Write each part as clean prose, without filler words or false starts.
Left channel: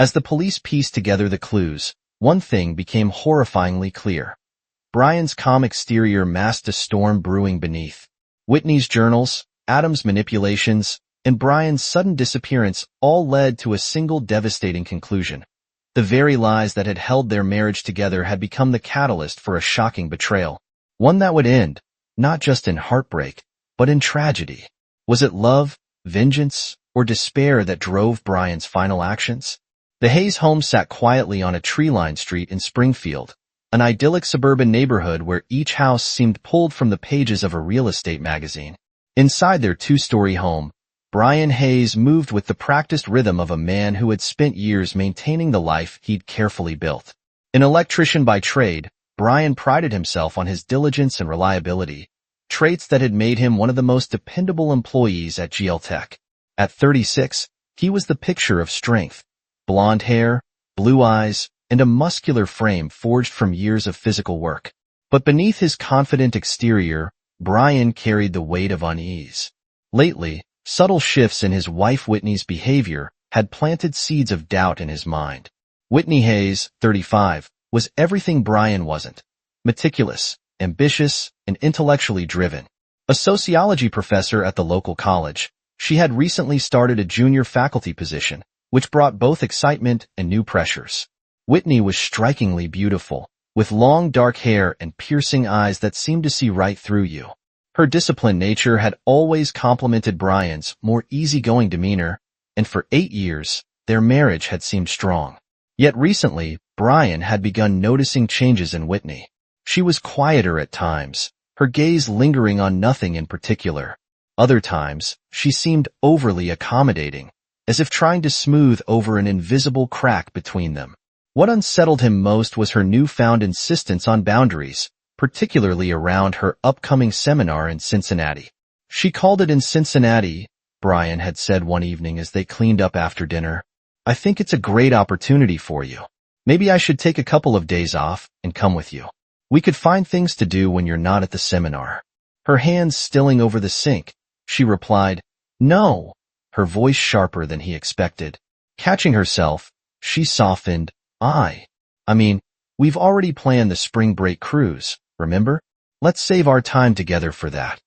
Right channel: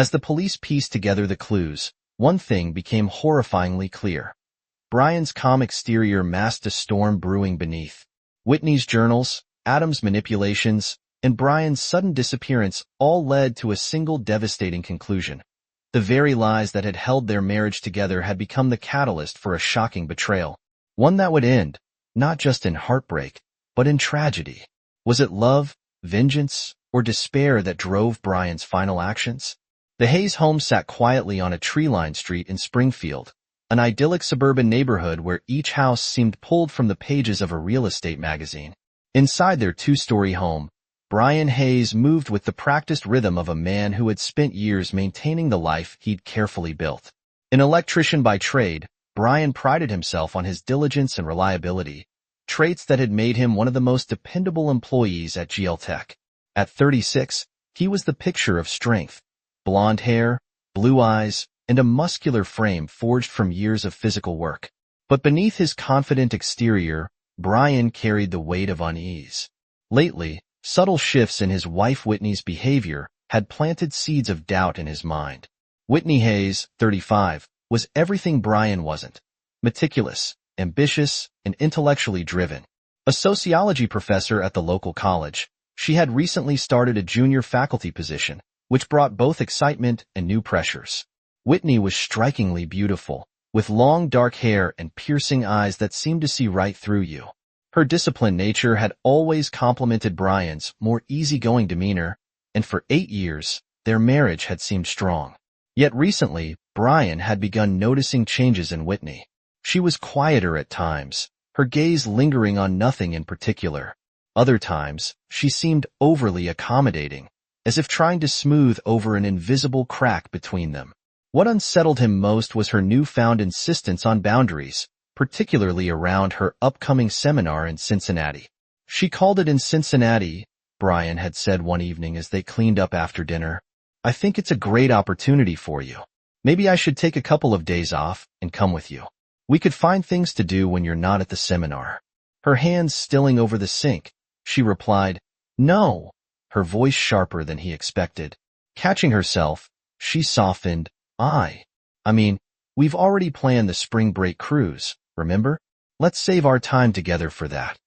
As the police pieced together the clues, one thing became horrifyingly clear. Brian's calm exterior masked a storm brewing beneath. Whitney's journals, Adam's manipulations, and Brian's sudden disappearance all led to a single devastating conclusion. The very lies that had held their marriage together had become the catalyst for a shocking betrayal. One that would end, not just in heartbreak, but in tragedy. Was it love, vengeance, or despair that drove Brian's final actions? The Hayes home sat quietly on a tree-lined street in Springfield, an idyllic suburban neighborhood where each house seemed pulled from the pages of a real estate magazine. Inside their two-story home, Brian Hayes moved with the practiced rhythm of a man who had spent years maintaining the life he'd carefully built. An electrician by trade, Brian prided himself on his diligence and reliability, traits that had made him one of the most dependable employees at GL Tech. At 36, he was the picture of strength. Blonde hair, blue eyes, and a muscular frame forged from years of physical work. But beneath his confident exterior, Brian carried the weight of unease. Lately, subtle shifts in his wife Whitney's behavior had planted seeds of doubt in his mind. Whitney Hayes, 35, was everything Brian wasn't. Meticulous, ambitious, and intellectually driven. A sociology professor at the local college, she had recently started a junior faculty position, which brought both excitement and new pressures. Whitney was strikingly beautiful, with long dark hair and piercing eyes that seemed to see right through you. Her disciplined nature had always complemented Brian's more easygoing demeanor, and for 8 years, their marriage had seemed strong. Yet recently, Brian had begun noticing changes in Whitney. She was quieter at times, her gaze lingering on nothing in particular. Other times, she seemed overly accommodating, as if trying to smooth over an invisible crack between them. What unsettled him most was her newfound insistence on boundaries, particularly around her upcoming seminar in Cincinnati. She called it in Cincinnati, Brian had said one evening as they cleaned up after dinner. I think it's a great opportunity for you. Maybe I should take a couple of days off and come with you. We could find things to do when you're not at the seminar. Her hands stilling over the sink, she replied, No, her voice sharper than he expected. Catching herself, she softened, I mean, we've already planned the spring break cruise, remember? Let's save our time together for that.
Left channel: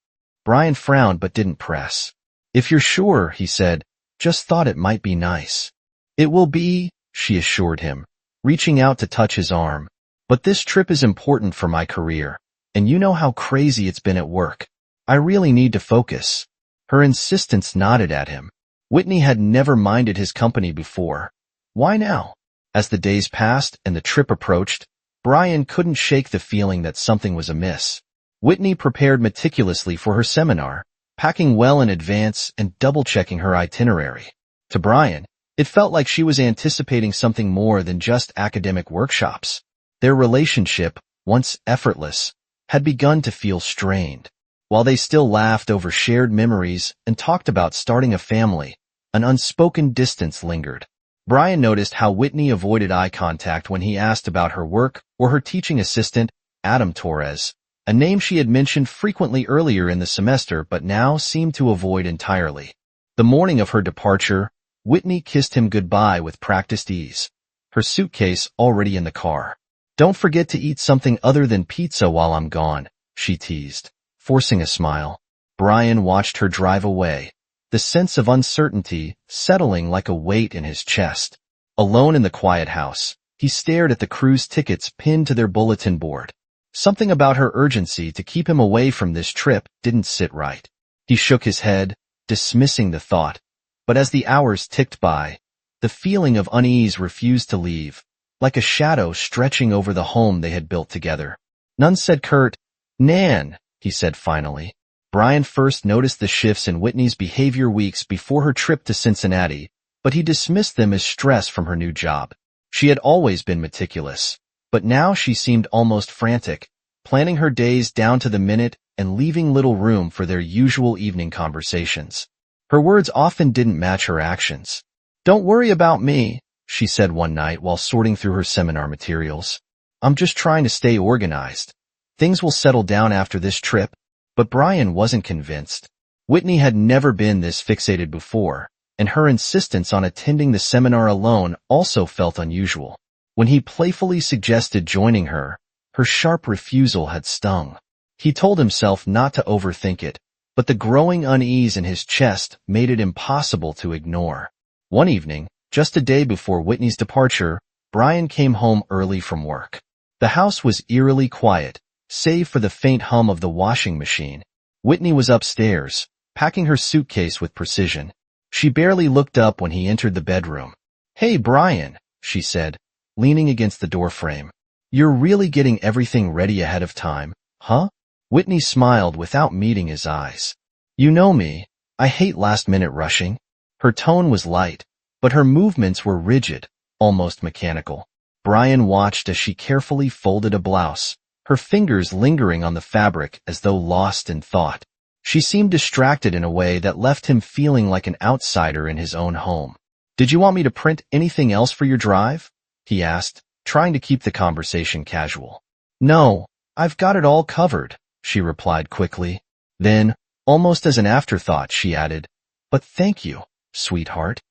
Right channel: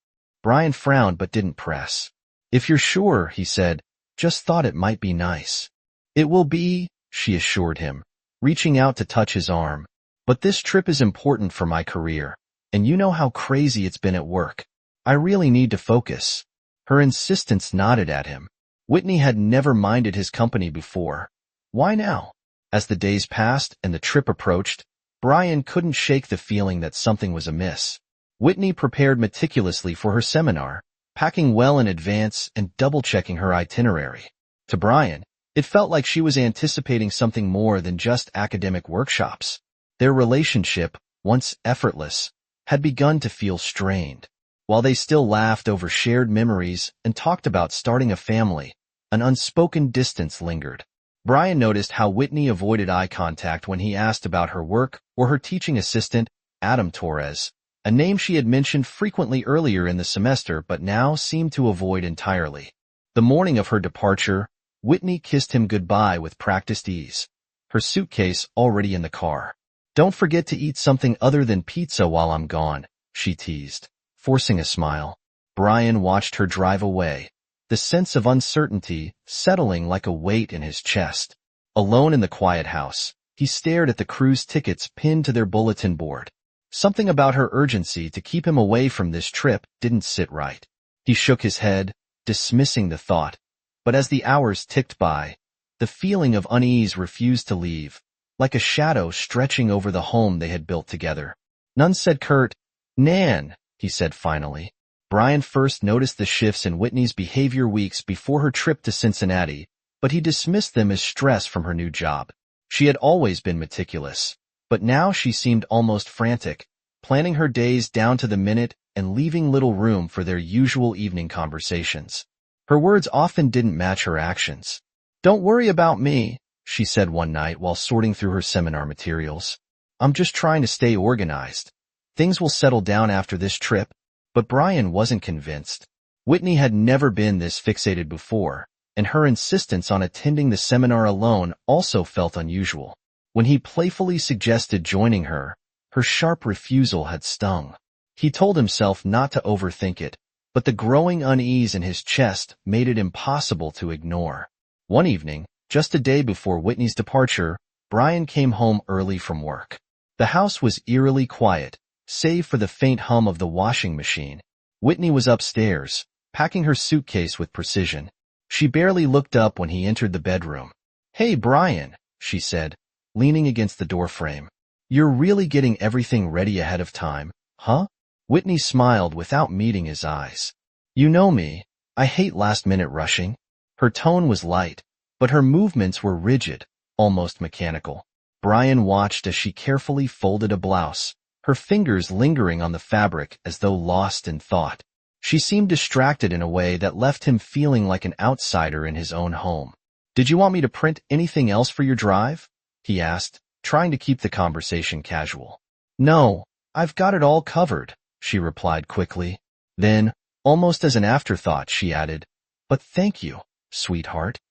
Brian frowned but didn't press. If you're sure, he said, just thought it might be nice. It will be, she assured him, reaching out to touch his arm. But this trip is important for my career, and you know how crazy it's been at work. I really need to focus. Her insistence nodded at him. Whitney had never minded his company before. Why now? As the days passed and the trip approached, Brian couldn't shake the feeling that something was amiss. Whitney prepared meticulously for her seminar, packing well in advance and double-checking her itinerary. To Brian, it felt like she was anticipating something more than just academic workshops. Their relationship, once effortless, had begun to feel strained. While they still laughed over shared memories and talked about starting a family, an unspoken distance lingered. Brian noticed how Whitney avoided eye contact when he asked about her work or her teaching assistant, Adam Torres, a name she had mentioned frequently earlier in the semester but now seemed to avoid entirely. The morning of her departure, Whitney kissed him goodbye with practiced ease, her suitcase already in the car. Don't forget to eat something other than pizza while I'm gone, she teased, forcing a smile. Brian watched her drive away, the sense of uncertainty settling like a weight in his chest. Alone in the quiet house, he stared at the cruise tickets pinned to their bulletin board. Something about her urgency to keep him away from this trip didn't sit right. He shook his head, dismissing the thought. But as the hours ticked by, the feeling of unease refused to leave, like a shadow stretching over the home they had built together. None said curt, Nan, he said finally. Brian first noticed the shifts in Whitney's behavior weeks before her trip to Cincinnati, but he dismissed them as stress from her new job. She had always been meticulous, but now she seemed almost frantic, planning her days down to the minute and leaving little room for their usual evening conversations. Her words often didn't match her actions. Don't worry about me, she said one night while sorting through her seminar materials. I'm just trying to stay organized. Things will settle down after this trip. But Brian wasn't convinced. Whitney had never been this fixated before, and her insistence on attending the seminar alone also felt unusual. When he playfully suggested joining her, her sharp refusal had stung. He told himself not to overthink it, but the growing unease in his chest made it impossible to ignore. One evening, just a day before Whitney's departure, Brian came home early from work. The house was eerily quiet, save for the faint hum of the washing machine. Whitney was upstairs, packing her suitcase with precision. She barely looked up when he entered the bedroom. "Hey, Brian," she said, leaning against the doorframe. "You're really getting everything ready ahead of time, huh?" Whitney smiled without meeting his eyes. "You know me, I hate last-minute rushing." Her tone was light, but her movements were rigid, almost mechanical. Brian watched as she carefully folded a blouse, her fingers lingering on the fabric as though lost in thought. She seemed distracted in a way that left him feeling like an outsider in his own home. "Did you want me to print anything else for your drive?" he asked, trying to keep the conversation casual. "No, I've got it all covered," she replied quickly. Then, almost as an afterthought, she added, "But thank you, sweetheart."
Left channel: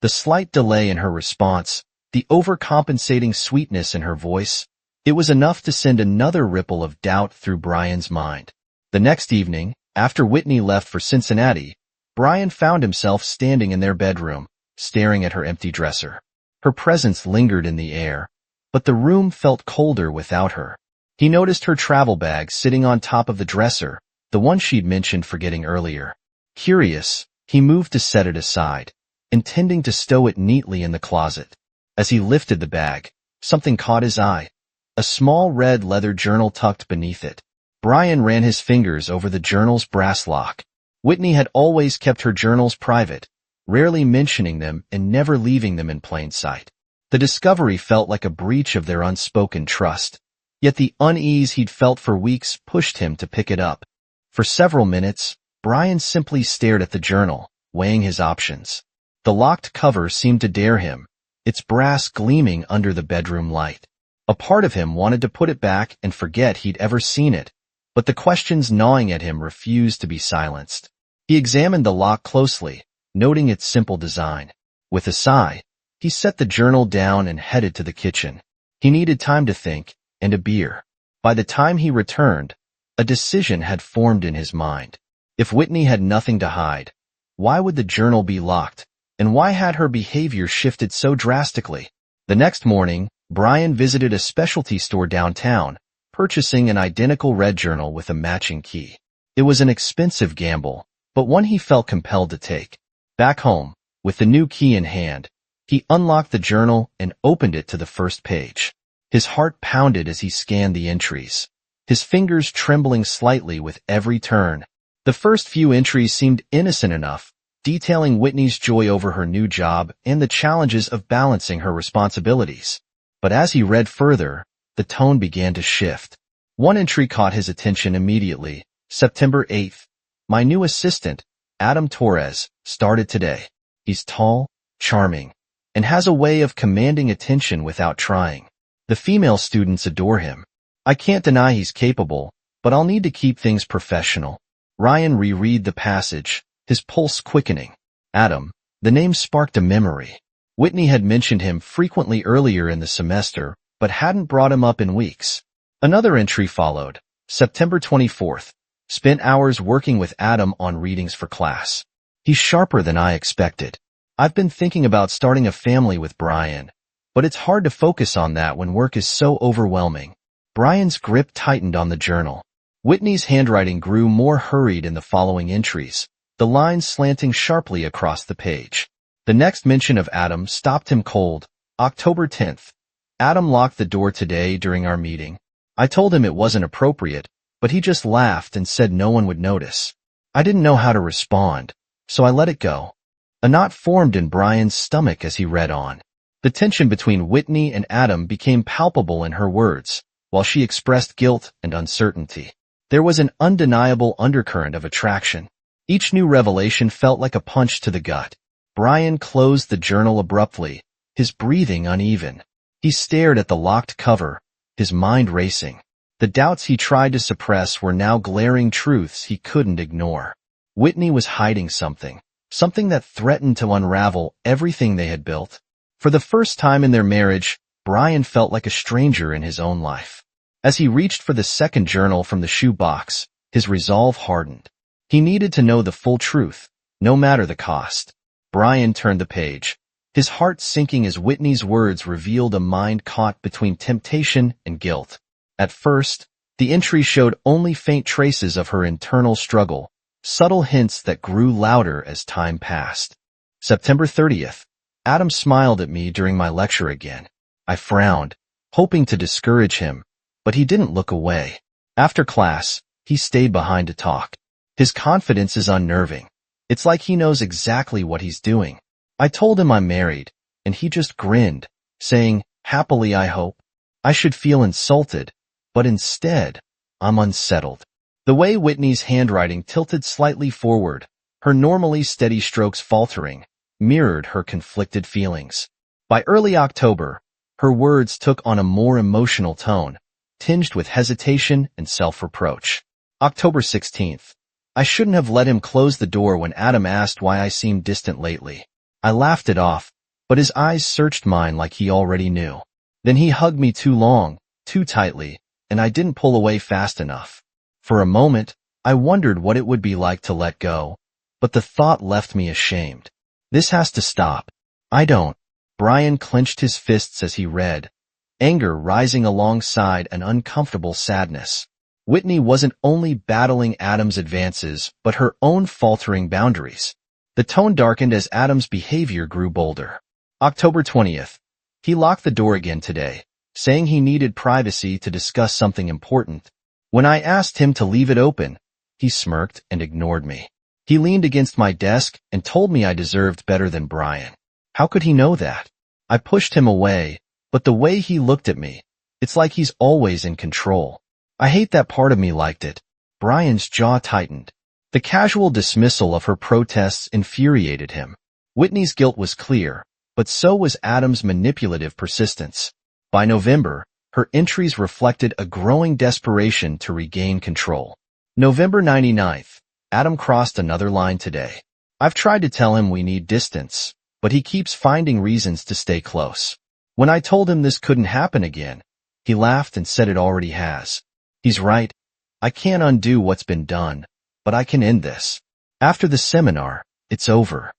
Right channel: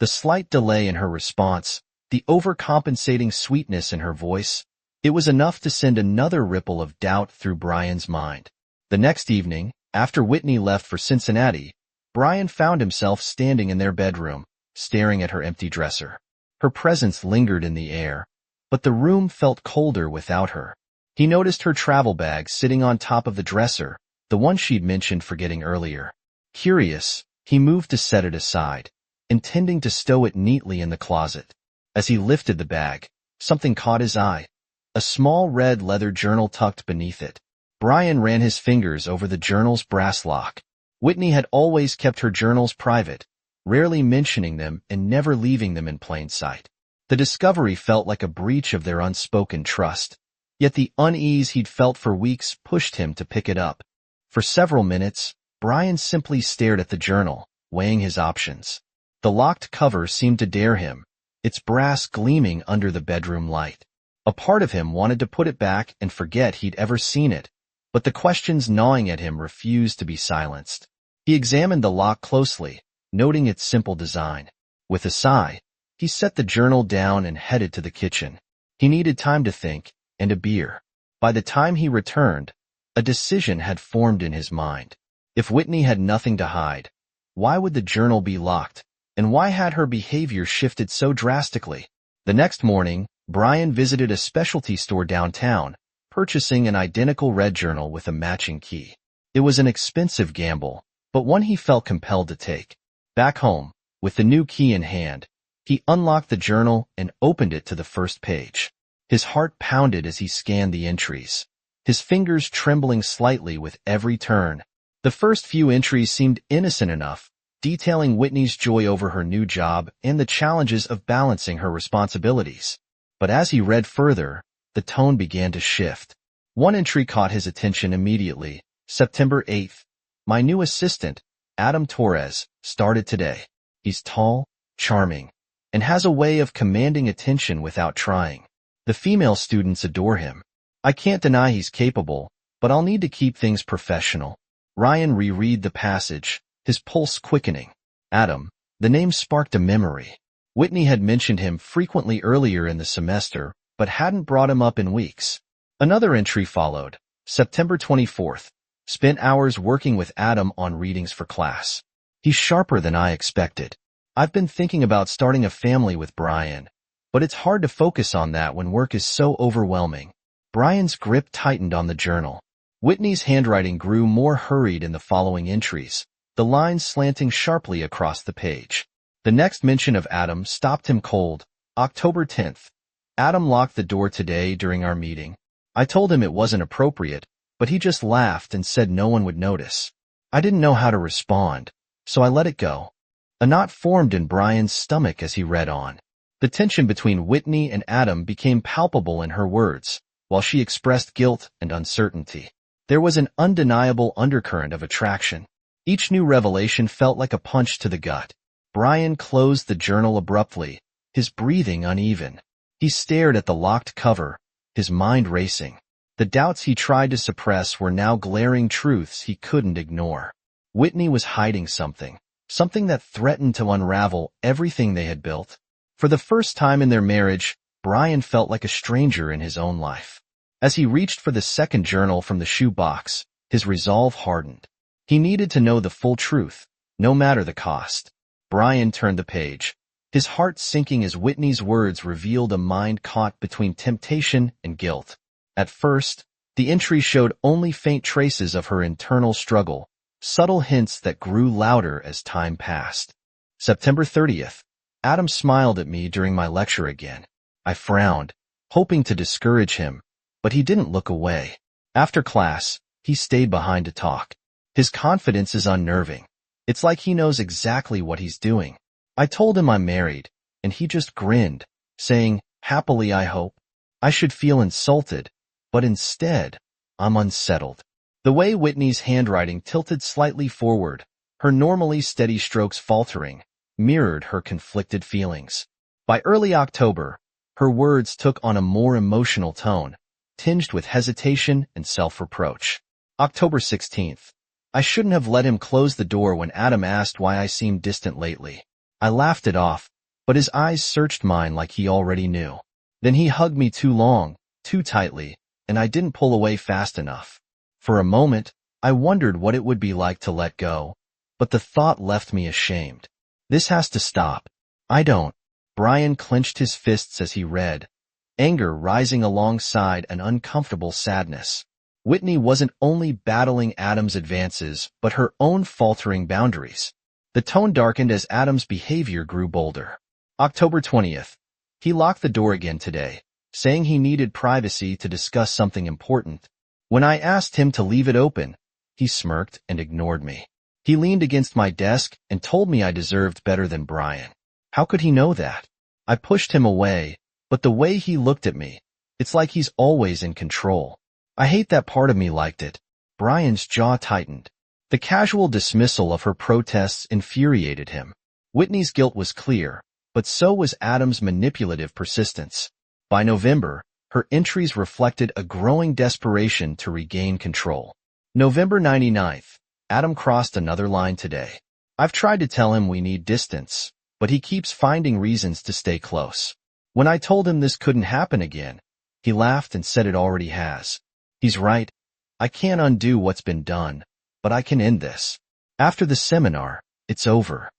The slight delay in her response, the overcompensating sweetness in her voice, it was enough to send another ripple of doubt through Brian's mind. The next evening, after Whitney left for Cincinnati, Brian found himself standing in their bedroom, staring at her empty dresser. Her presence lingered in the air, but the room felt colder without her. He noticed her travel bag sitting on top of the dresser, the one she'd mentioned forgetting earlier. Curious, he moved to set it aside, intending to stow it neatly in the closet. As he lifted the bag, something caught his eye. A small red leather journal tucked beneath it. Brian ran his fingers over the journal's brass lock. Whitney had always kept her journals private, rarely mentioning them and never leaving them in plain sight. The discovery felt like a breach of their unspoken trust. Yet the unease he'd felt for weeks pushed him to pick it up. For several minutes, Brian simply stared at the journal, weighing his options. The locked cover seemed to dare him, its brass gleaming under the bedroom light. A part of him wanted to put it back and forget he'd ever seen it, but the questions gnawing at him refused to be silenced. He examined the lock closely, noting its simple design. With a sigh, he set the journal down and headed to the kitchen. He needed time to think, and a beer. By the time he returned, a decision had formed in his mind. If Whitney had nothing to hide, why would the journal be locked, and why had her behavior shifted so drastically? The next morning, Brian visited a specialty store downtown, purchasing an identical red journal with a matching key. It was an expensive gamble, but one he felt compelled to take. Back home, with the new key in hand, he unlocked the journal and opened it to the first page. His heart pounded as he scanned the entries, his fingers trembling slightly with every turn. The first few entries seemed innocent enough, detailing Whitney's joy over her new job and the challenges of balancing her responsibilities. But as he read further, the tone began to shift. One entry caught his attention immediately. September 8th. My new assistant, Adam Torres, started today. He's tall, charming, and has a way of commanding attention without trying. The female students adore him. I can't deny he's capable, but I'll need to keep things professional. Ryan reread the passage, his pulse quickening. Adam, the name sparked a memory. Whitney had mentioned him frequently earlier in the semester, but hadn't brought him up in weeks. Another entry followed. September 24th. Spent hours working with Adam on readings for class. He's sharper than I expected. I've been thinking about starting a family with Brian, but it's hard to focus on that when work is so overwhelming. Brian's grip tightened on the journal. Whitney's handwriting grew more hurried in the following entries, the lines slanting sharply across the page. The next mention of Adam stopped him cold. October 10th. Adam locked the door today during our meeting. I told him it wasn't appropriate, but he just laughed and said no one would notice. I didn't know how to respond, so I let it go. A knot formed in Brian's stomach as he read on. The tension between Whitney and Adam became palpable in her words, while she expressed guilt and uncertainty. There was an undeniable undercurrent of attraction. Each new revelation felt like a punch to the gut. Brian closed the journal abruptly, his breathing uneven. He stared at the locked cover, his mind racing. The doubts he tried to suppress were now glaring truths he couldn't ignore. Whitney was hiding something something that threatened to unravel everything they had built. For the first time in their marriage, Brian felt like a stranger in his own life. As he reached for the second journal from the shoebox, his resolve hardened. He needed to know the full truth, no matter the cost. Brian turned the page, his heart sinking as Whitney's words revealed a mind caught between temptation and guilt. At first, the entry showed only faint traces of her internal struggle, subtle hints that grew louder as time passed. September 30th. Adam smiled at me during my lecture again. I frowned, hoping to discourage him, but he didn't look away. After class, he stayed behind to talk. His confidence is unnerving. It's like he knows exactly what he's doing. I told him I'm married, and he just grinned, saying, "Happily, I hope." I should feel insulted, but instead, I'm unsettled. The way Whitney's handwriting tilted slightly forward, her normally steady strokes faltering, mirrored her conflicted feelings. By early October, her words took on a more emotional tone, tinged with hesitation and self-reproach. October 16th. I shouldn't have let him close the door when Adam asked why I seemed distant lately. I laughed it off, but his eyes searched mine like he already knew. Then he hugged me too long, too tightly, and I didn't pull away fast enough. For a moment, I wondered what it would be like to let go, but the thought left me ashamed. This has to stop. I don't. Brian clenched his fists as he read, anger rising alongside an uncomfortable sadness. Whitney wasn't only battling Adam's advances, but her own faltering boundaries. The tone darkened as Adam's behavior grew bolder. October 20th. He locked the door again today, saying he needed privacy to discuss something important. When I asked him to leave it open, he smirked and ignored me. He leaned against my desk and told me I deserved better than Brian. How could he know that? I pushed him away, but the way he looked at me, it's like he's always in control. I hate that part of me liked it. Brian's jaw tightened. The casual dismissal of her protests infuriated him. Whitney's guilt was clear, but so was Adam's manipulative persistence. By November, her entries reflected a growing desperation to regain control. November 29th. Adam crossed another line today. I've tried to tell him we need distance, but he keeps finding reasons to stay close. When I told him this couldn't happen again, he laughed and said it already has. He's right. I can't undo what's been done, but I can end this. After the seminar, it's over.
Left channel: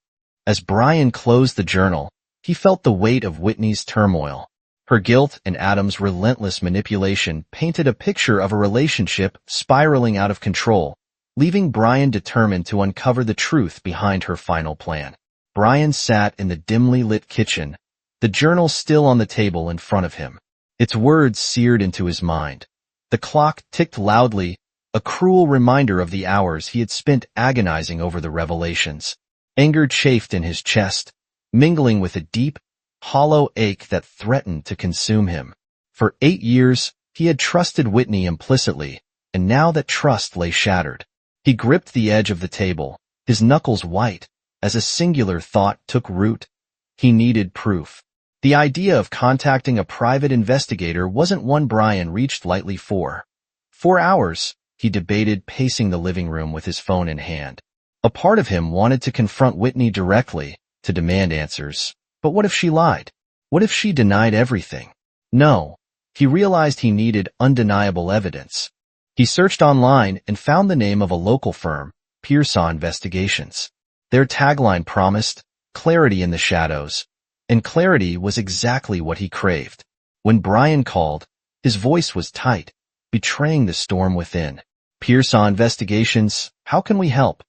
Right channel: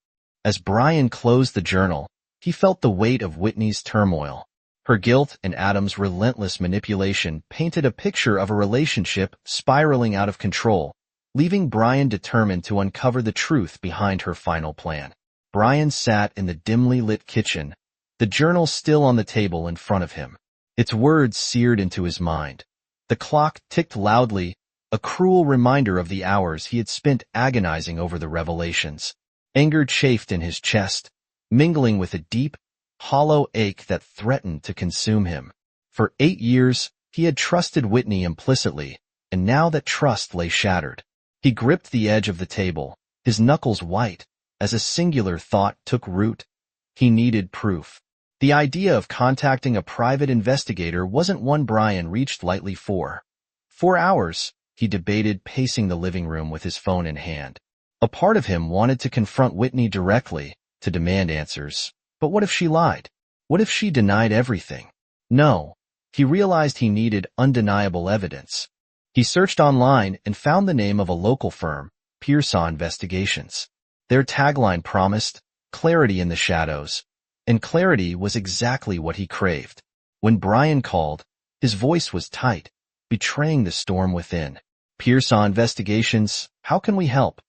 As Brian closed the journal, he felt the weight of Whitney's turmoil. Her guilt and Adam's relentless manipulation painted a picture of a relationship spiraling out of control, leaving Brian determined to uncover the truth behind her final plan. Brian sat in the dimly lit kitchen, the journal still on the table in front of him. Its words seared into his mind. The clock ticked loudly, a cruel reminder of the hours he had spent agonizing over the revelations. Anger chafed in his chest, mingling with a deep, hollow ache that threatened to consume him. For 8 years, he had trusted Whitney implicitly, and now that trust lay shattered. He gripped the edge of the table, his knuckles white, as a singular thought took root. He needed proof. The idea of contacting a private investigator wasn't one Brian reached lightly for. For hours, he debated pacing the living room with his phone in hand. A part of him wanted to confront Whitney directly, to demand answers. But what if she lied? What if she denied everything? No. He realized he needed undeniable evidence. He searched online and found the name of a local firm, Pearsaw Investigations. Their tagline promised clarity in the shadows, and clarity was exactly what he craved. When Brian called, his voice was tight, betraying the storm within. Pearsaw Investigations, how can we help?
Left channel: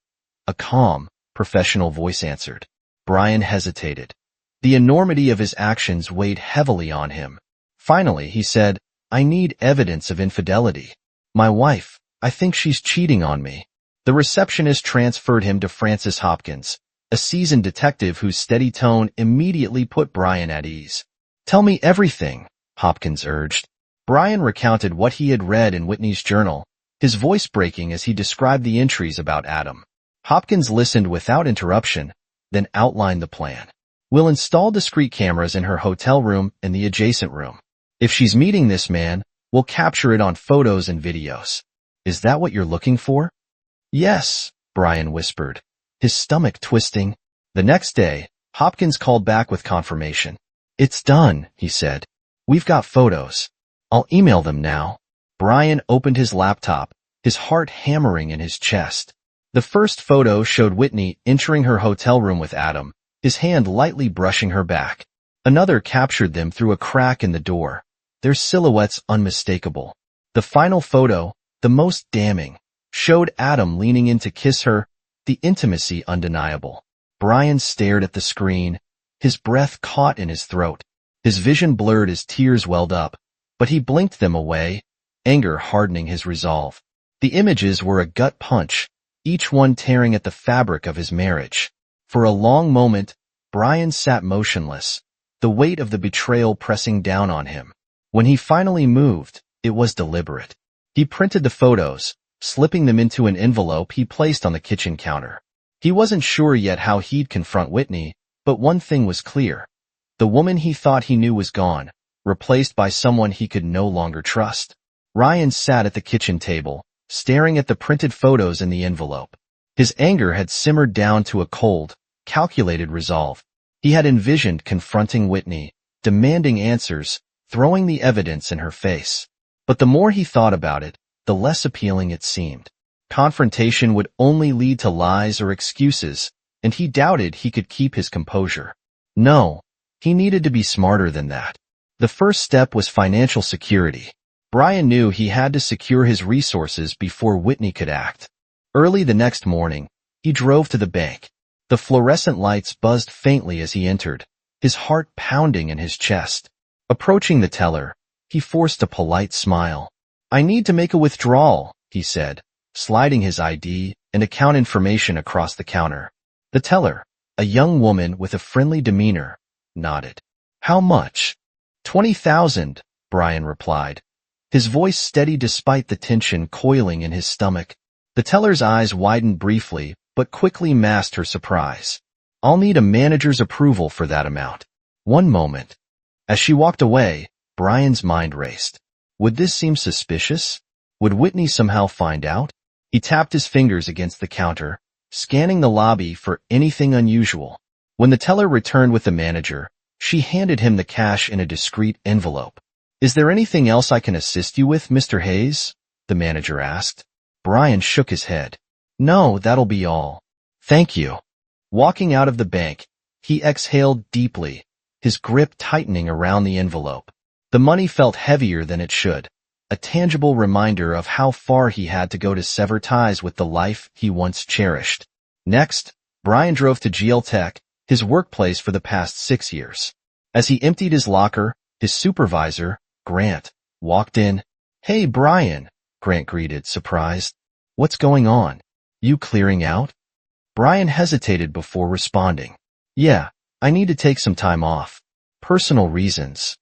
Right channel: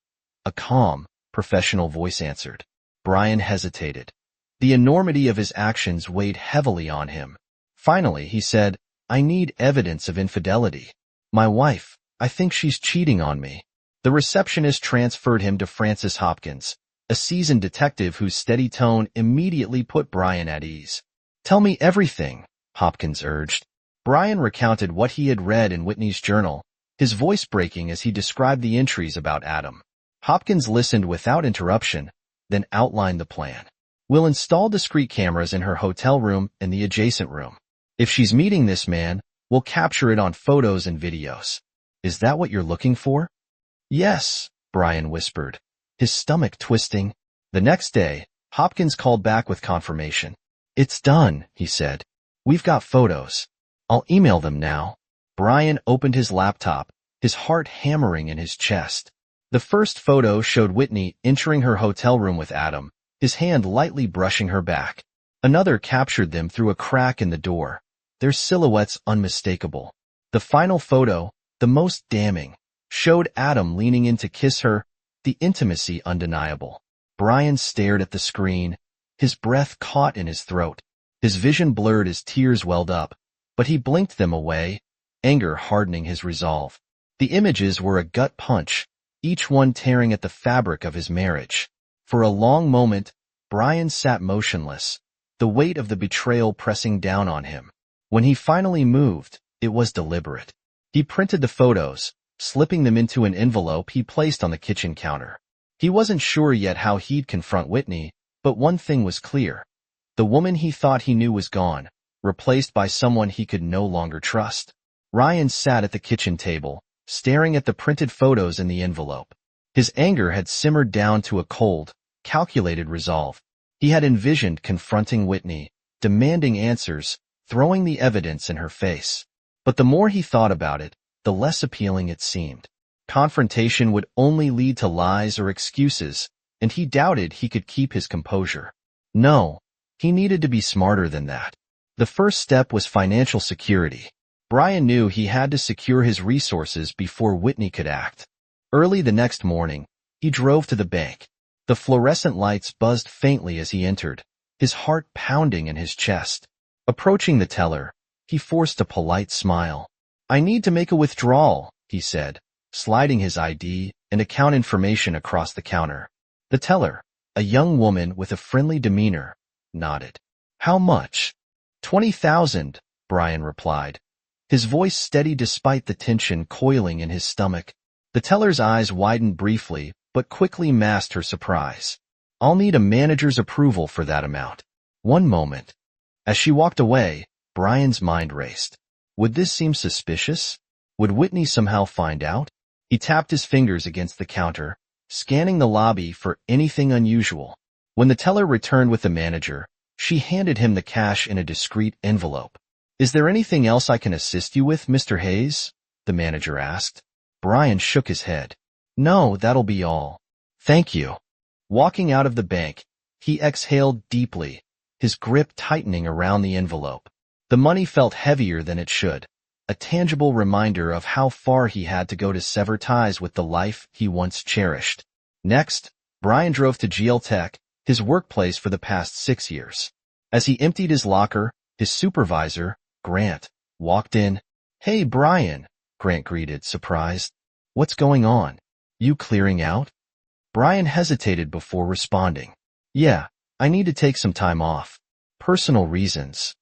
A calm, professional voice answered. Brian hesitated. The enormity of his actions weighed heavily on him. Finally, he said, I need evidence of infidelity. My wife, I think she's cheating on me. The receptionist transferred him to Francis Hopkins, a seasoned detective whose steady tone immediately put Brian at ease. Tell me everything, Hopkins urged. Brian recounted what he had read in Whitney's journal, his voice breaking as he described the entries about Adam. Hopkins listened without interruption, then outlined the plan. We'll install discrete cameras in her hotel room and the adjacent room. If she's meeting this man, we'll capture it on photos and videos. Is that what you're looking for? Yes, Brian whispered. his stomach twisting. The next day, Hopkins called back with confirmation. "It's done," he said. "We've got photos. I'll email them now." Brian opened his laptop, his heart hammering in his chest. The first photo showed Whitney entering her hotel room with Adam, his hand lightly brushing her back. Another captured them through a crack in the door, their silhouettes unmistakable. The final photo, the most damning, showed Adam leaning in to kiss her, the intimacy undeniable. Brian stared at the screen, his breath caught in his throat. His vision blurred as tears welled up, but he blinked them away, anger hardening his resolve. The images were a gut punch, each one tearing at the fabric of his marriage. For a long moment, Brian sat motionless, the weight of the betrayal pressing down on him. When he finally moved, it was deliberate. He printed the photos, slipping them into an envelope he placed on the kitchen counter. He wasn't sure yet how he'd confront Whitney, but one thing was clear. The woman he thought he knew was gone, replaced by someone he could no longer trust. Ryan sat at the kitchen table, staring at the printed photos in the envelope. His anger had simmered down to a cold, calculated resolve. He had envisioned confronting Whitney, demanding answers, throwing the evidence in her face. But the more he thought about it, the less appealing it seemed. Confrontation would only lead to lies or excuses, and he doubted he could keep his composure. No, he needed to be smarter than that. The first step was financial security. Brian knew he had to secure his resources before Whitney could act. Early the next morning, he drove to the bank. The fluorescent lights buzzed faintly as he entered, his heart pounding in his chest. Approaching the teller, he forced a polite smile. "I need to make a withdrawal," he said, sliding his ID and account information across the counter. The teller, a young woman with a friendly demeanor, nodded. "How much?" "20,000, Brian replied, his voice steady despite the tension coiling in his stomach. The teller's eyes widened briefly, but quickly masked her surprise. "I'll need a manager's approval for that amount." "One moment." As she walked away, Brian's mind raced. Would this seem suspicious? Would Whitney somehow find out? He tapped his fingers against the counter, scanning the lobby for anything unusual. When the teller returned with the manager, she handed him the cash in a discreet envelope. "Is there anything else I can assist you with, Mr. Hayes?" the manager asked. Brian shook his head. "No, that'll be all. Thank you." Walking out of the bank, he exhaled deeply, his grip tightening around the envelope. The money felt heavier than it should, a tangible reminder of how far he had to go to sever ties with the life he once cherished. Next, Brian drove to GL Tech, his workplace for the past 6 years. As he emptied his locker, his supervisor, Grant, walked in. "Hey, Brian," Grant greeted, surprised. "What's going on? You clearing out?" Brian hesitated before responding. "Yeah, I need to take some time off. Personal reasons."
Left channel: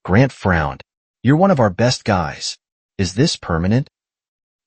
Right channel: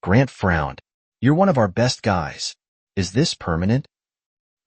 Grant frowned. "You're one of our best guys. Is this permanent?"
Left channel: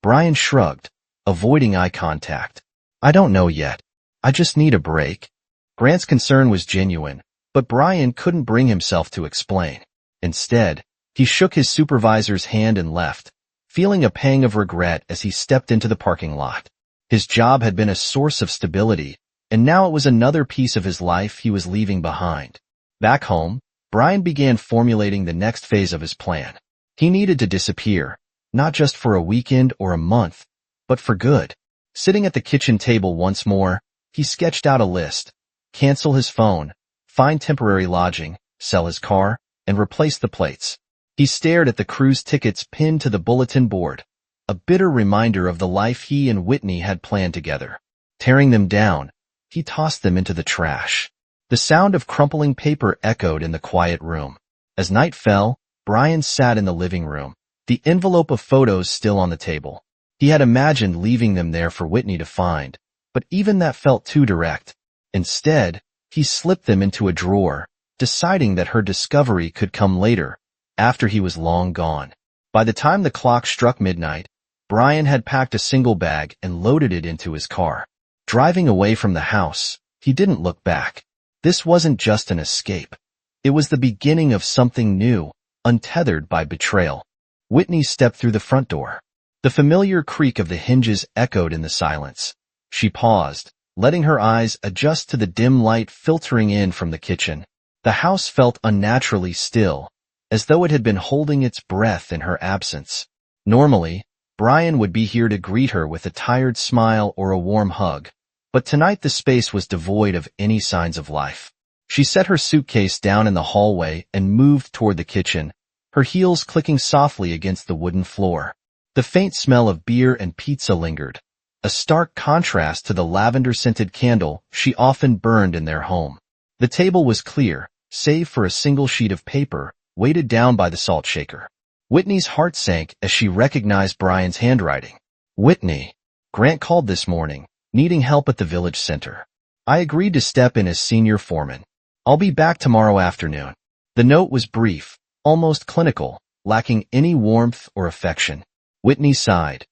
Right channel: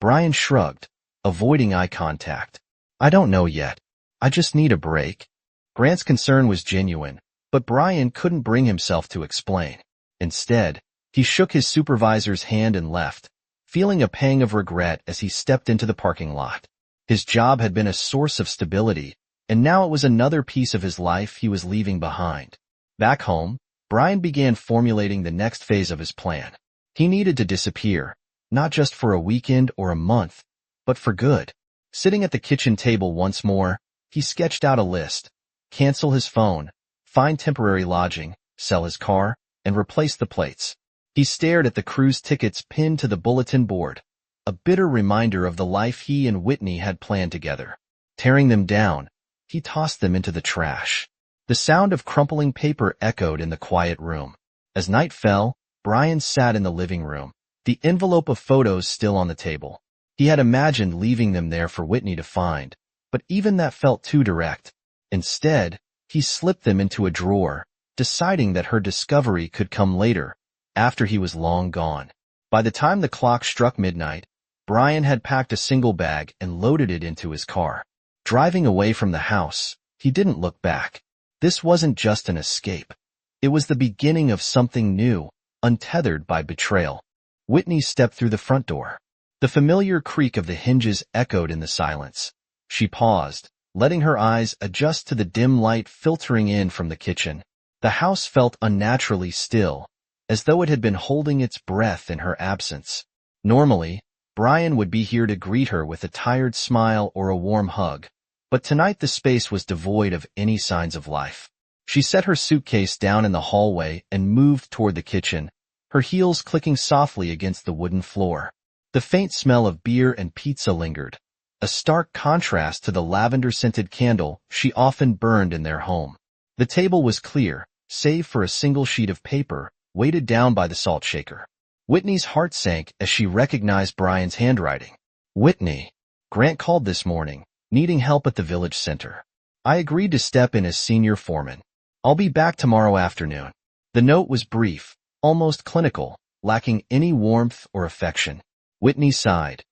Brian shrugged, avoiding eye contact. "I don't know yet. I just need a break." Grant's concern was genuine, but Brian couldn't bring himself to explain. Instead, he shook his supervisor's hand and left, feeling a pang of regret as he stepped into the parking lot. His job had been a source of stability, and now it was another piece of his life he was leaving behind. Back home, Brian began formulating the next phase of his plan. He needed to disappear, not just for a weekend or a month, but for good. Sitting at the kitchen table once more, he sketched out a list. Cancel his phone, find temporary lodging, sell his car, and replace the plates. He stared at the cruise tickets pinned to the bulletin board, a bitter reminder of the life he and Whitney had planned together. Tearing them down, he tossed them into the trash. The sound of crumpling paper echoed in the quiet room. As night fell, Brian sat in the living room, the envelope of photos still on the table. He had imagined leaving them there for Whitney to find, but even that felt too direct. Instead, he slipped them into a drawer, deciding that her discovery could come later, after he was long gone. By the time the clock struck midnight, Brian had packed a single bag and loaded it into his car. Driving away from the house, he didn't look back. This wasn't just an escape. It was the beginning of something new, untethered by betrayal. Whitney stepped through the front door. The familiar creak of the hinges echoed in the silence. She paused, letting her eyes adjust to the dim light filtering in from the kitchen. The house felt unnaturally still, as though it had been holding its breath in her absence. Normally, Brian would be here to greet her with a tired smile or a warm hug, but tonight the space was devoid of any signs of life. She set her suitcase down in the hallway and moved toward the kitchen, her heels clicking softly against the wooden floor. The faint smell of beer and pizza lingered, a stark contrast to the lavender-scented candle she often burned in their home. The table was clear, save for a single sheet of paper, weighted down by the salt shaker. Whitney's heart sank as she recognized Brian's handwriting. Whitney, Grant called this morning, needing help at the village center. I agreed to step in as senior foreman. I'll be back tomorrow afternoon. The note was brief, almost clinical, lacking any warmth or affection. Whitney sighed,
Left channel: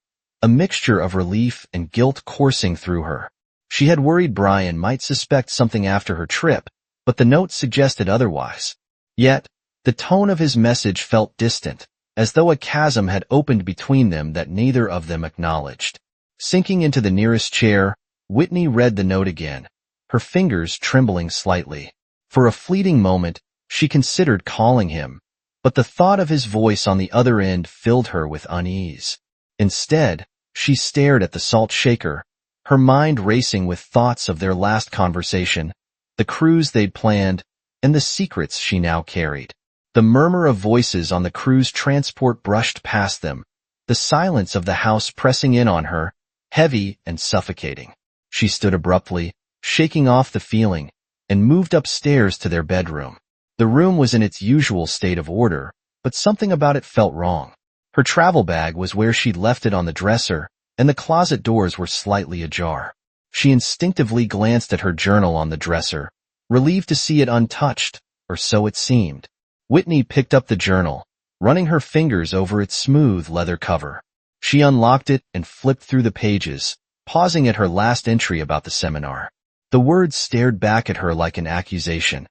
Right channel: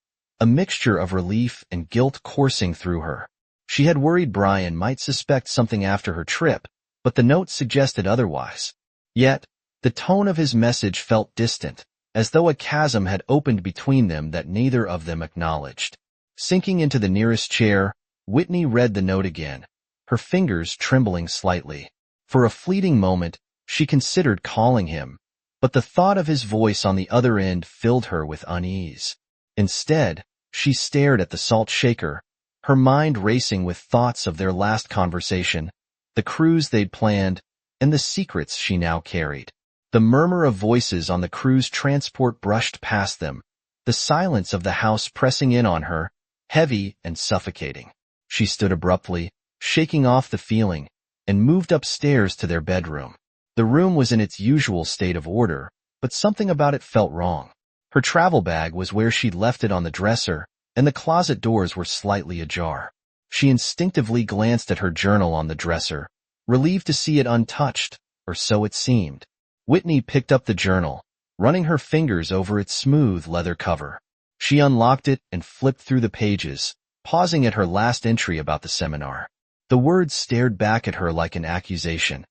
a mixture of relief and guilt coursing through her. She had worried Brian might suspect something after her trip, but the note suggested otherwise. Yet, the tone of his message felt distant, as though a chasm had opened between them that neither of them acknowledged. Sinking into the nearest chair, Whitney read the note again, her fingers trembling slightly. For a fleeting moment, she considered calling him, but the thought of his voice on the other end filled her with unease. Instead, she stared at the salt shaker, her mind racing with thoughts of their last conversation, the cruise they'd planned, and the secrets she now carried. The murmur of voices on the cruise transport brushed past them, the silence of the house pressing in on her, heavy and suffocating. She stood abruptly, shaking off the feeling, and moved upstairs to their bedroom. The room was in its usual state of order, but something about it felt wrong. Her travel bag was where she'd left it on the dresser, and the closet doors were slightly ajar. She instinctively glanced at her journal on the dresser, relieved to see it untouched, or so it seemed. Whitney picked up the journal, running her fingers over its smooth leather cover. She unlocked it and flipped through the pages, pausing at her last entry about the seminar. The words stared back at her like an accusation.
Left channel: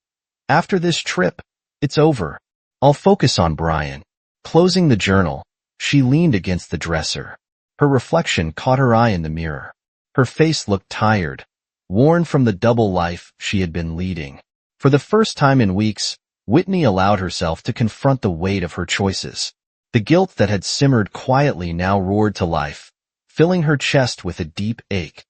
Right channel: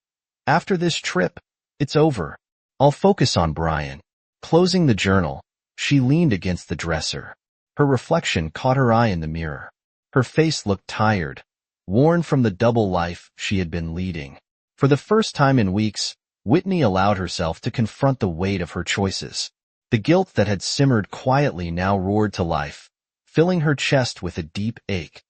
After this trip, it's over. I'll focus on Brian. Closing the journal, she leaned against the dresser. Her reflection caught her eye in the mirror. Her face looked tired, worn from the double life she had been leading. For the first time in weeks, Whitney allowed herself to confront the weight of her choices. The guilt that had simmered quietly now roared to life, filling her chest with a deep ache.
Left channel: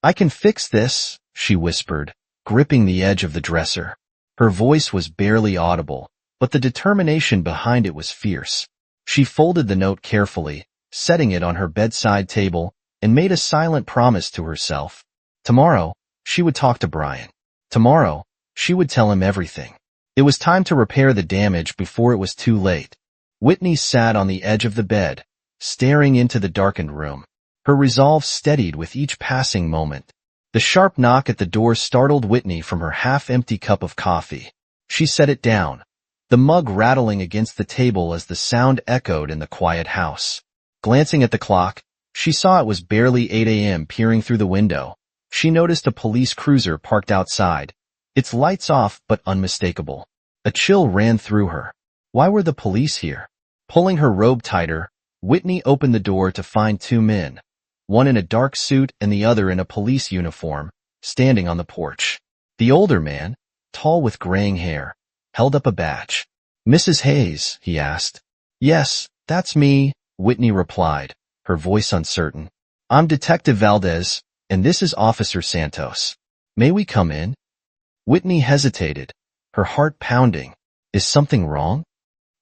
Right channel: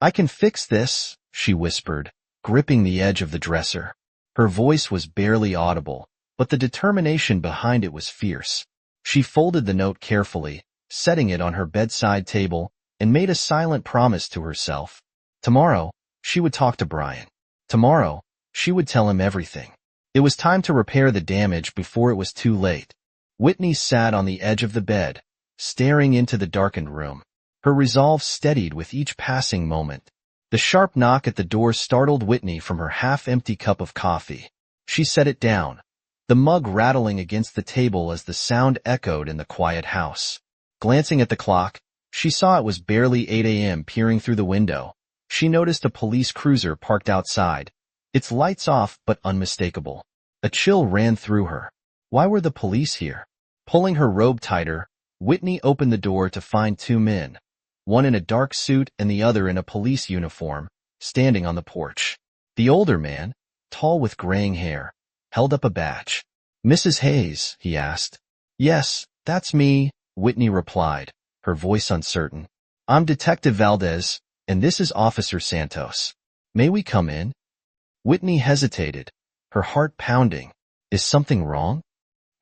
I can fix this, she whispered, gripping the edge of the dresser. Her voice was barely audible, but the determination behind it was fierce. She folded the note carefully, setting it on her bedside table, and made a silent promise to herself. Tomorrow, she would talk to Brian. Tomorrow, she would tell him everything. It was time to repair the damage before it was too late. Whitney sat on the edge of the bed, staring into the darkened room. Her resolve steadied with each passing moment. The sharp knock at the door startled Whitney from her half-empty cup of coffee. She set it down, the mug rattling against the table as the sound echoed in the quiet house. Glancing at the clock, she saw it was barely 8 a.m. Peering through the window, she noticed a police cruiser parked outside, its lights off but unmistakable. A chill ran through her. Why were the police here? Pulling her robe tighter, Whitney opened the door to find two men, one in a dark suit and the other in a police uniform, standing on the porch. The older man, tall with graying hair, held up a badge. Mrs. Hayes, he asked. Yes, that's me, Whitney replied, her voice uncertain. I'm Detective Valdez, and this is Officer Santos. May we come in? Whitney hesitated, her heart pounding. Is something wrong?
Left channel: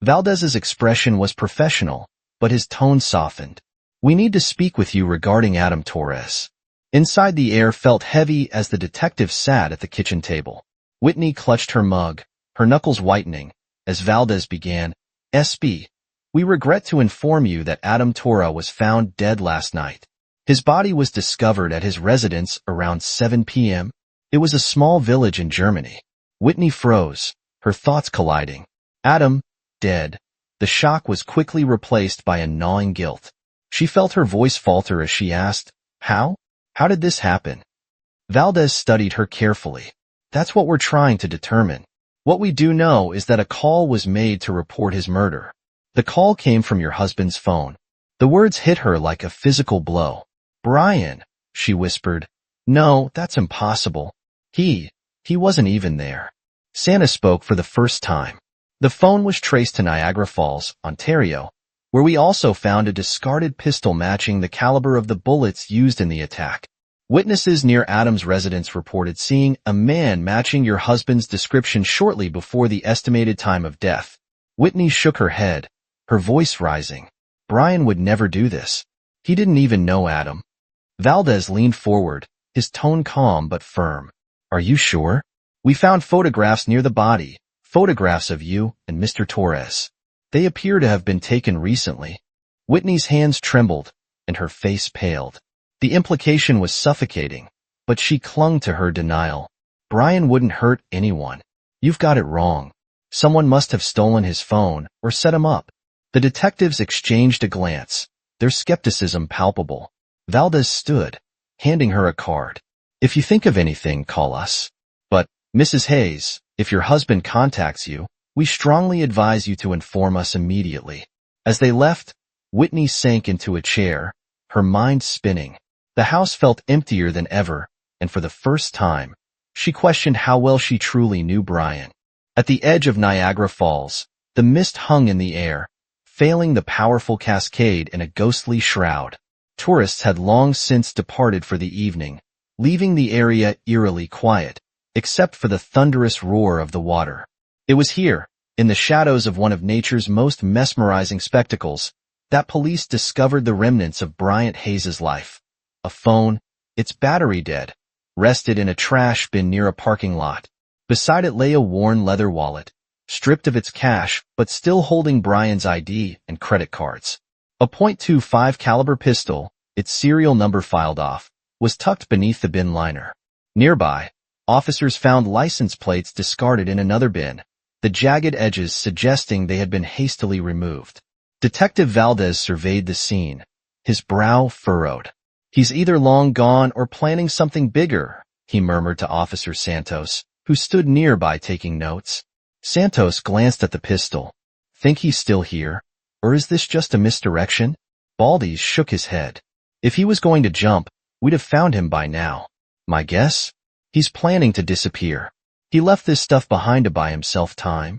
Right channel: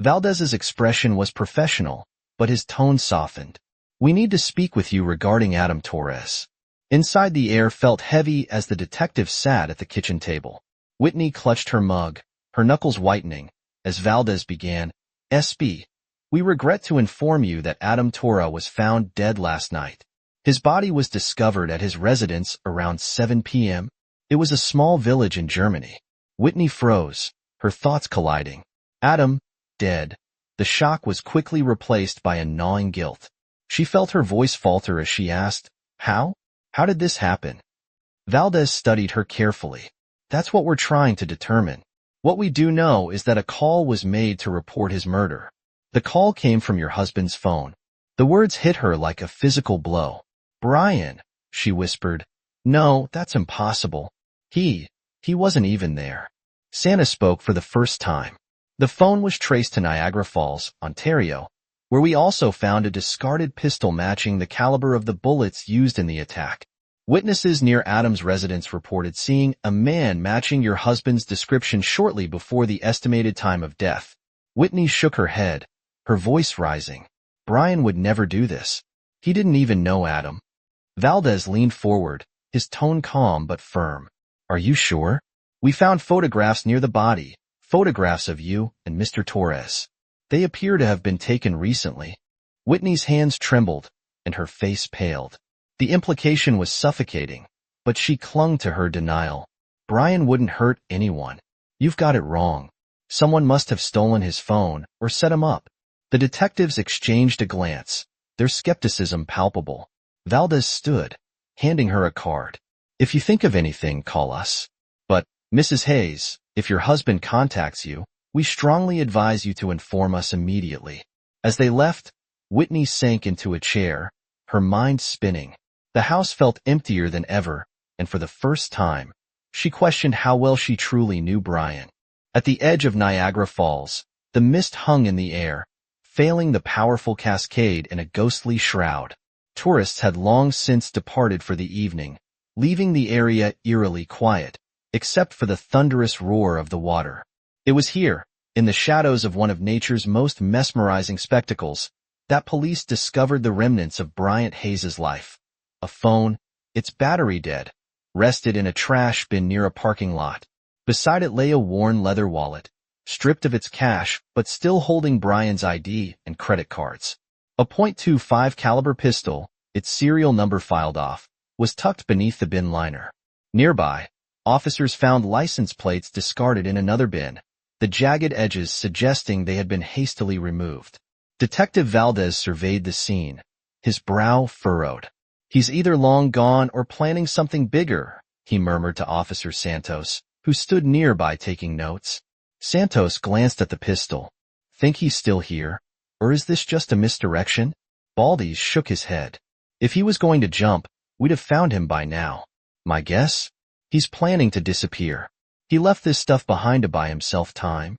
Valdez's expression was professional, but his tone softened. We need to speak with you regarding Adam Torres. Inside the air felt heavy as the detective sat at the kitchen table. Whitney clutched her mug, her knuckles whitening, as Valdez began, SB, we regret to inform you that Adam Torres was found dead last night. His body was discovered at his residence around 7 p.m. It was a small village in Germany. Whitney froze, her thoughts colliding. Adam, dead. The shock was quickly replaced by a gnawing guilt. She felt her voice falter as she asked, How? How did this happen? Valdez studied her carefully. That's what we're trying to determine. What we do know is that a call was made to report his murder. The call came from your husband's phone. The words hit her like a physical blow. Brian, she whispered, No, that's impossible. He, he wasn't even there. Santa spoke for the first time. The phone was traced to Niagara Falls, Ontario, where we also found a discarded pistol matching the caliber of the bullets used in the attack. Witnesses near Adam's residence reported seeing a man matching your husband's description shortly before the estimated time of death. Whitney shook her head, her voice rising. Brian would never do this. He didn't even know Adam. Valdez leaned forward, his tone calm but firm. Are you sure? We found photographs near the body, photographs of you and Mr. Torres. They appear to have been taken recently. Whitney's hands trembled, and her face paled. The implication was suffocating, but she clung to her denial. Brian wouldn't hurt anyone. You've got it wrong. Someone must have stolen his phone or set him up. The detectives exchanged a glance, their skepticism palpable. Valdez stood, handing her a card. If you think of anything, call us. But, Mrs. Hayes, if your husband contacts you, we strongly advise you to inform us immediately. As they left, Whitney sank into a chair, her mind spinning. The house felt emptier than ever, and for the first time, she questioned how well she truly knew Brian. At the edge of Niagara Falls, the mist hung in the air, veiling the powerful cascade in a ghostly shroud. Tourists had long since departed for the evening, leaving the area eerily quiet, except for the thunderous roar of the water. It was here, in the shadows of one of nature's most mesmerizing spectacles, that police discovered the remnants of Bryant Hayes' life. A phone, its battery dead, rested in a trash bin near a parking lot. Beside it lay a worn leather wallet, stripped of its cash but still holding Brian's ID and credit cards. A .25 caliber pistol, its serial number filed off, was tucked beneath the bin liner. Nearby, officers found license plates discarded in another bin, the jagged edges suggesting they had been hastily removed. Detective Valdez surveyed the scene, his brow furrowed. He's either long gone or planning something bigger, he murmured to Officer Santos, who stood nearby taking notes. Santos glanced at the pistol. Think he's still here? Or is this just a misdirection? Baldes shook his head. If he was going to jump, we'd have found him by now. My guess? He's planning to disappear. He left this stuff behind to buy himself time.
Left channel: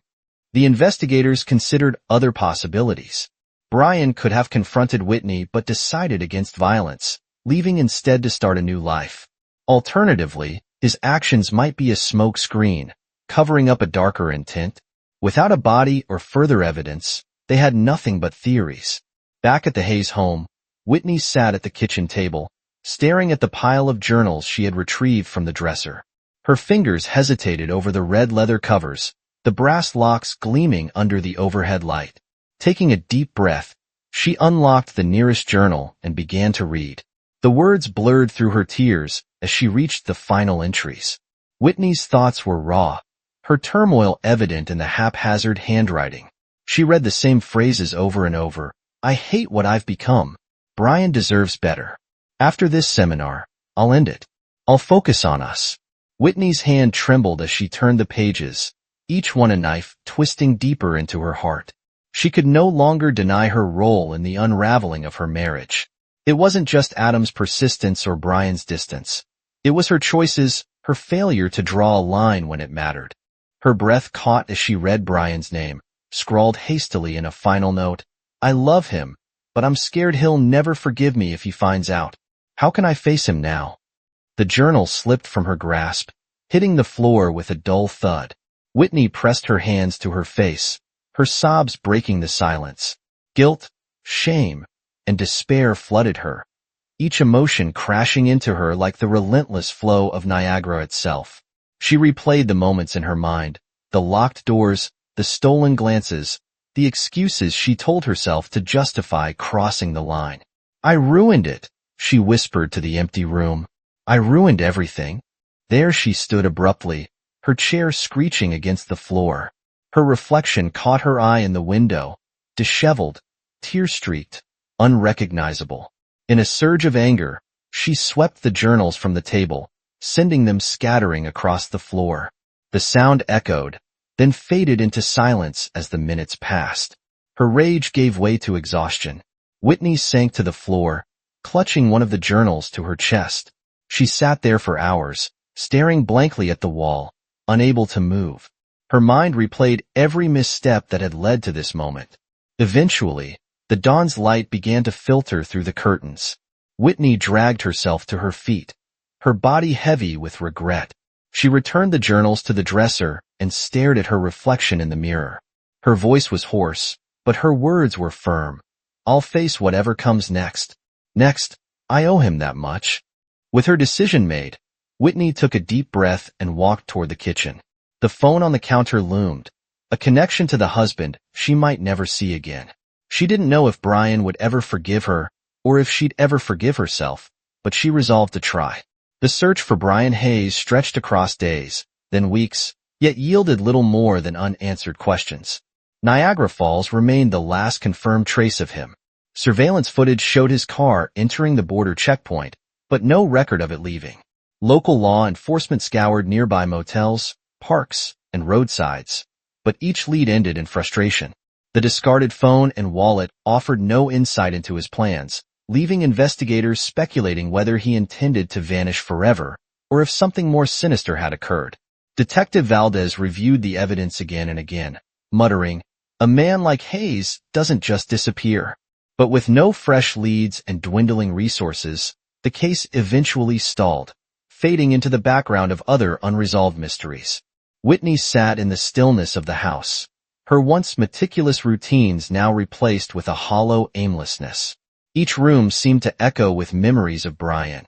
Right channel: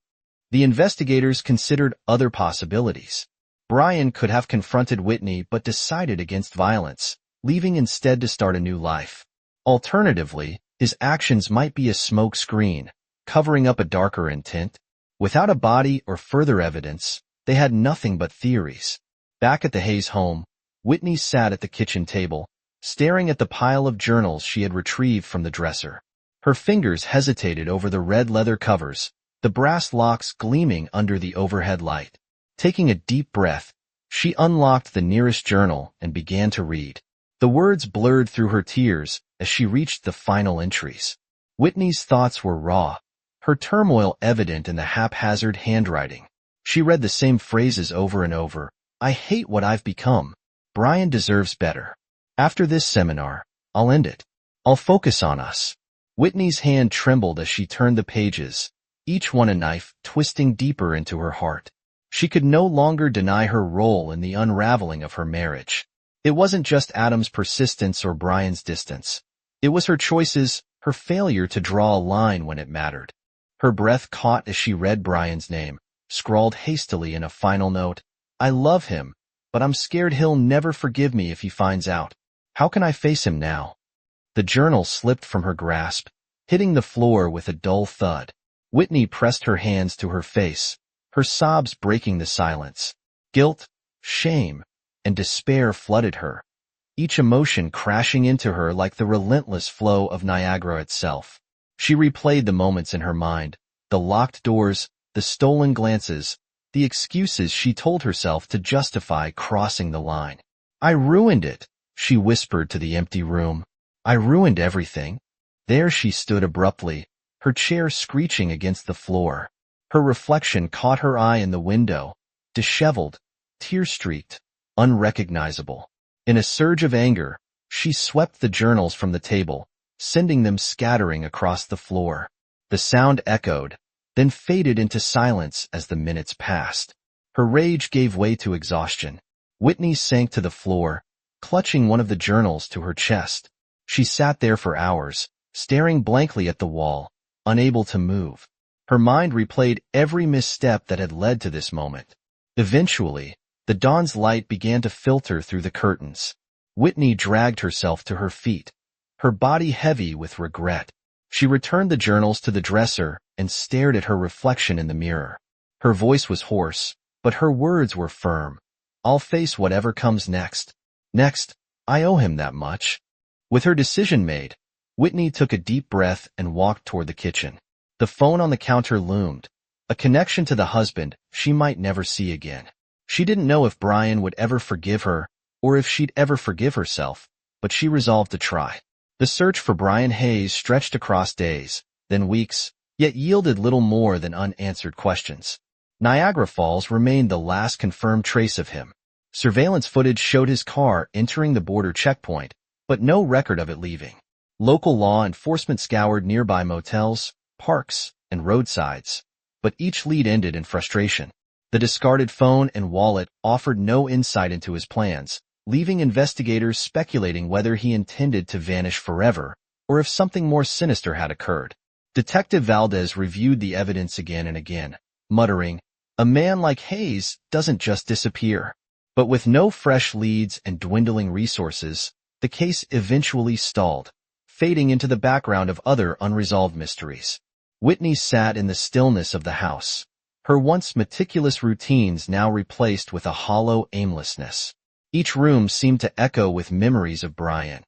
The investigators considered other possibilities. Brian could have confronted Whitney but decided against violence, leaving instead to start a new life. Alternatively, his actions might be a smoke screen, covering up a darker intent. Without a body or further evidence, they had nothing but theories. Back at the Hayes home, Whitney sat at the kitchen table, staring at the pile of journals she had retrieved from the dresser. Her fingers hesitated over the red leather covers, the brass locks gleaming under the overhead light. Taking a deep breath, she unlocked the nearest journal and began to read. The words blurred through her tears as she reached the final entries. Whitney's thoughts were raw, her turmoil evident in the haphazard handwriting. She read the same phrases over and over. I hate what I've become. Brian deserves better. After this seminar, I'll end it. I'll focus on us. Whitney's hand trembled as she turned the pages, each one a knife twisting deeper into her heart. She could no longer deny her role in the unraveling of her marriage. It wasn't just Adam's persistence or Brian's distance. It was her choices, her failure to draw a line when it mattered. Her breath caught as she read Brian's name, scrawled hastily in a final note. I love him, but I'm scared he'll never forgive me if he finds out. How can I face him now? The journal slipped from her grasp, hitting the floor with a dull thud. Whitney pressed her hands to her face, her sobs breaking the silence. Guilt, shame, and despair flooded her, each emotion crashing into her like the relentless flow of Niagara itself. She replayed the moments in her mind, the locked doors, the stolen glances, the excuses she told herself to justify crossing the line. I ruined it, she whispered to the empty room. I ruined everything. There she stood abruptly, her chair screeching against the floor. Her reflection caught her eye in the window, disheveled, tear-streaked, unrecognizable. In a surge of anger, she swept the journals from the table, sending them scattering across the floor. The sound echoed, then faded into silence as the minutes passed. Her rage gave way to exhaustion. Whitney sank to the floor, clutching one of the journals to her chest. She sat there for hours, staring blankly at the wall, unable to move. Her mind replayed every misstep that had led to this moment. Eventually, the dawn's light began to filter through the curtains. Whitney dragged herself to her feet, her body heavy with regret. She returned the journals to the dresser and stared at her reflection in the mirror. Her voice was hoarse, but her words were firm. I'll face whatever comes next. Next, I owe him that much. With her decision made, Whitney took a deep breath and walked toward the kitchen. The phone on the counter loomed, a connection to the husband she might never see again. She didn't know if Brian would ever forgive her, or if she'd ever forgive herself, but she resolved to try. The search for Brian Hayes stretched across days, then weeks, yet yielded little more than unanswered questions. Niagara Falls remained the last confirmed trace of him. Surveillance footage showed his car entering the border checkpoint, but no record of it leaving. Local law enforcement scoured nearby motels, parks, and roadsides, but each lead ended in frustration. The discarded phone and wallet offered no insight into his plans, leaving investigators speculating whether he intended to vanish forever, or if something more sinister had occurred. Detective Valdez reviewed the evidence again and again, muttering, "A man like Hayes doesn't just disappear." But with no fresh leads and dwindling resources, the case eventually stalled, fading into the background of other unresolved mysteries. Whitney sat in the stillness of the house, her once meticulous routines now replaced with a hollow aimlessness. Each room seemed to echo with memories of Brian.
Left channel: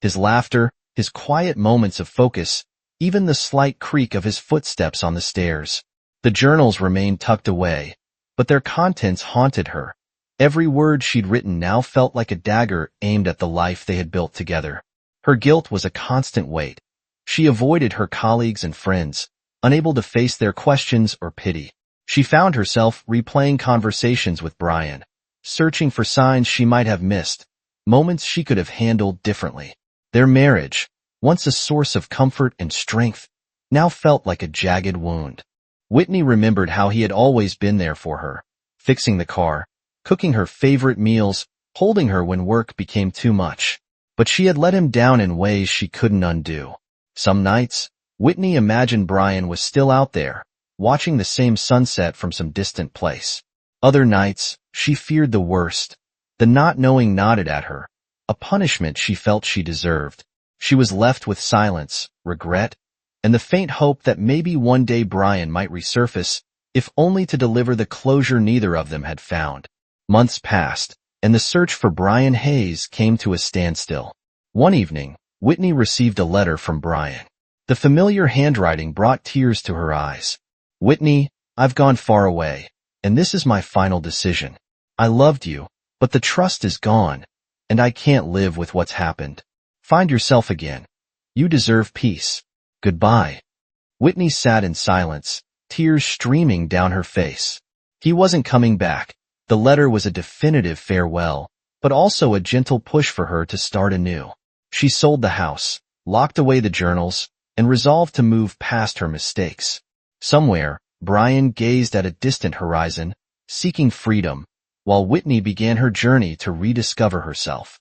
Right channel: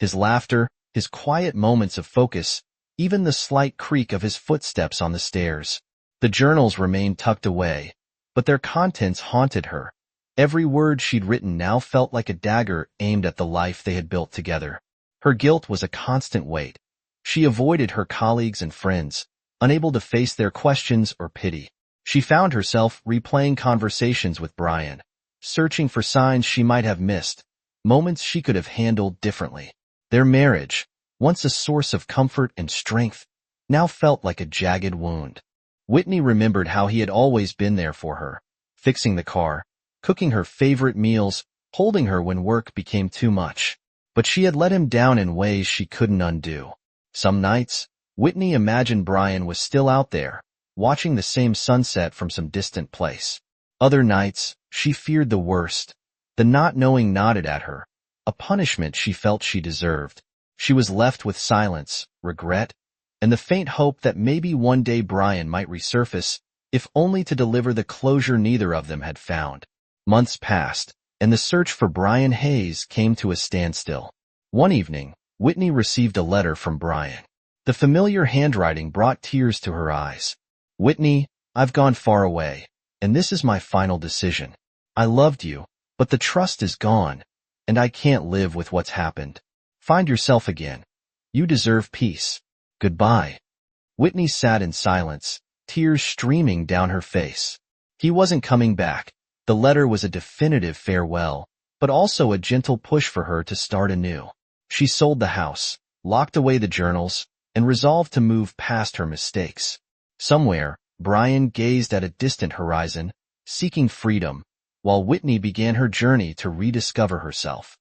His laughter, his quiet moments of focus, even the slight creak of his footsteps on the stairs. The journals remained tucked away, but their contents haunted her. Every word she'd written now felt like a dagger aimed at the life they had built together. Her guilt was a constant weight. She avoided her colleagues and friends, unable to face their questions or pity. She found herself replaying conversations with Brian, searching for signs she might have missed, moments she could have handled differently. Their marriage, once a source of comfort and strength, now felt like a jagged wound. Whitney remembered how he had always been there for her, fixing the car, cooking her favorite meals, holding her when work became too much. But she had let him down in ways she couldn't undo. Some nights, Whitney imagined Brian was still out there, watching the same sunset from some distant place. Other nights, she feared the worst. The not knowing gnawed at her, a punishment she felt she deserved. She was left with silence, regret, and the faint hope that maybe one day Brian might resurface, if only to deliver the closure neither of them had found. Months passed, and the search for Brian Hayes came to a standstill. One evening, Whitney received a letter from Brian. The familiar handwriting brought tears to her eyes. "Whitney, I've gone far away, and this is my final decision. I loved you, but the trust is gone, and I can't live with what's happened. Find yourself again. You deserve peace. Goodbye." Whitney sat in silence, tears streaming down her face. He wasn't coming back. The letter was a definitive farewell, but also a gentle push for her to start anew. She sold the house, locked away the journals, and resolved to move past her mistakes. Somewhere, Brian gazed at a distant horizon, seeking freedom, while Whitney began her journey to rediscover herself.